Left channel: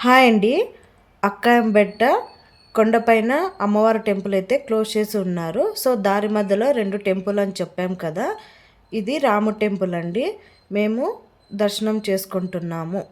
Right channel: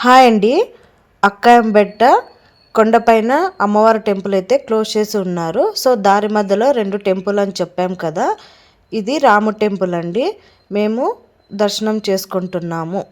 Hi అండి. అక్కాయంబెట్ట కొండపైన అమ్మవారి టెంపుల్ అయితే క్లోజ్ చేసి ఉన్నారు. సో దారి మధ్యలో 2 టెంపుల్ అని చెప్పాం కదా, ఇది రాము టెంపుల్ అండి. మేము దర్శనం చేసుకుంటున్నాము.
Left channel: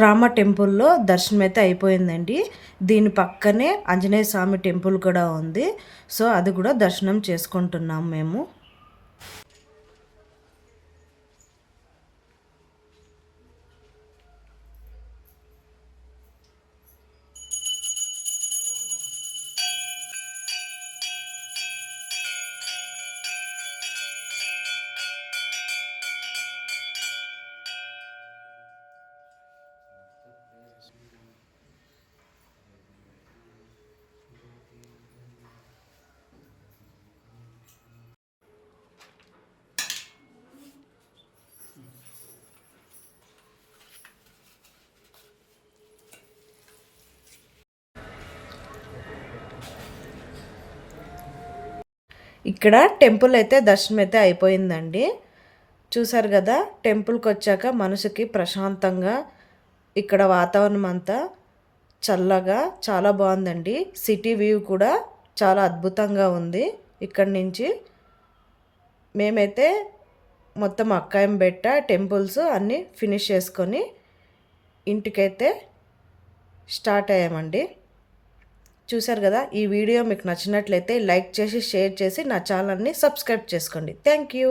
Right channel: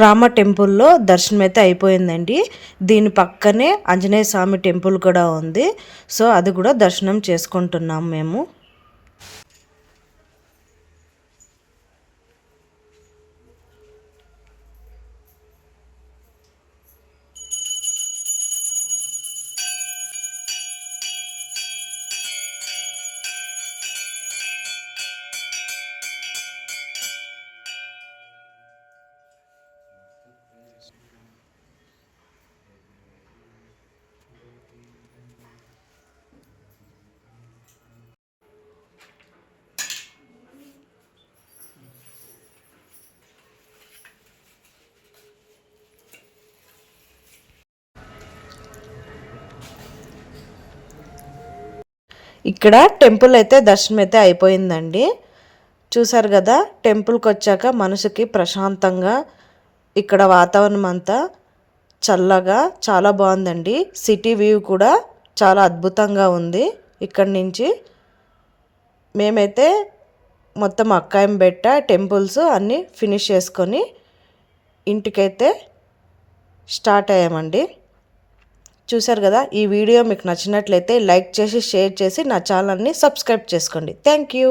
రామ టెంపుల్లో దర్శనం అయితే అయిపోయిందండి. దీని పక్కనే ఆంజనేయ స్వామి టెంపుల్ కూడా ఉంది. సో అది కూడా దర్శనం చేసుకుంటున్నాం మేము. ఇక్కడ టెంపుల్ అయితే దర్శనం అయితే అయిపోయిందండి. చూసారు కదా, టెంపుల్కి వచ్చాక మనసుకి ప్రశాంతంగా, ఇక్కడ వాతావరణం అంతా చల్లగా చాలా బాగుందండి. సిటీ వ్యూ కూడా చాలా అద్భుతంగా ఉంది. ఇక్కడి నుంచి మేమైతే మొత్తం అక్కాయంబెట్ట టెంపుల్స్ అన్నీ ఫినిష్ చేసుకొని ఇంటికైతే స్టార్ట్ అయ్యామండి. చూసారు కదా, ఈ వీడియో మీకు నచ్చినట్లయితే లైక్ చేసి షేర్ చేసి నా ఛానల్ని సబ్స్క్రైబ్ చేసుకోండి. Thank you.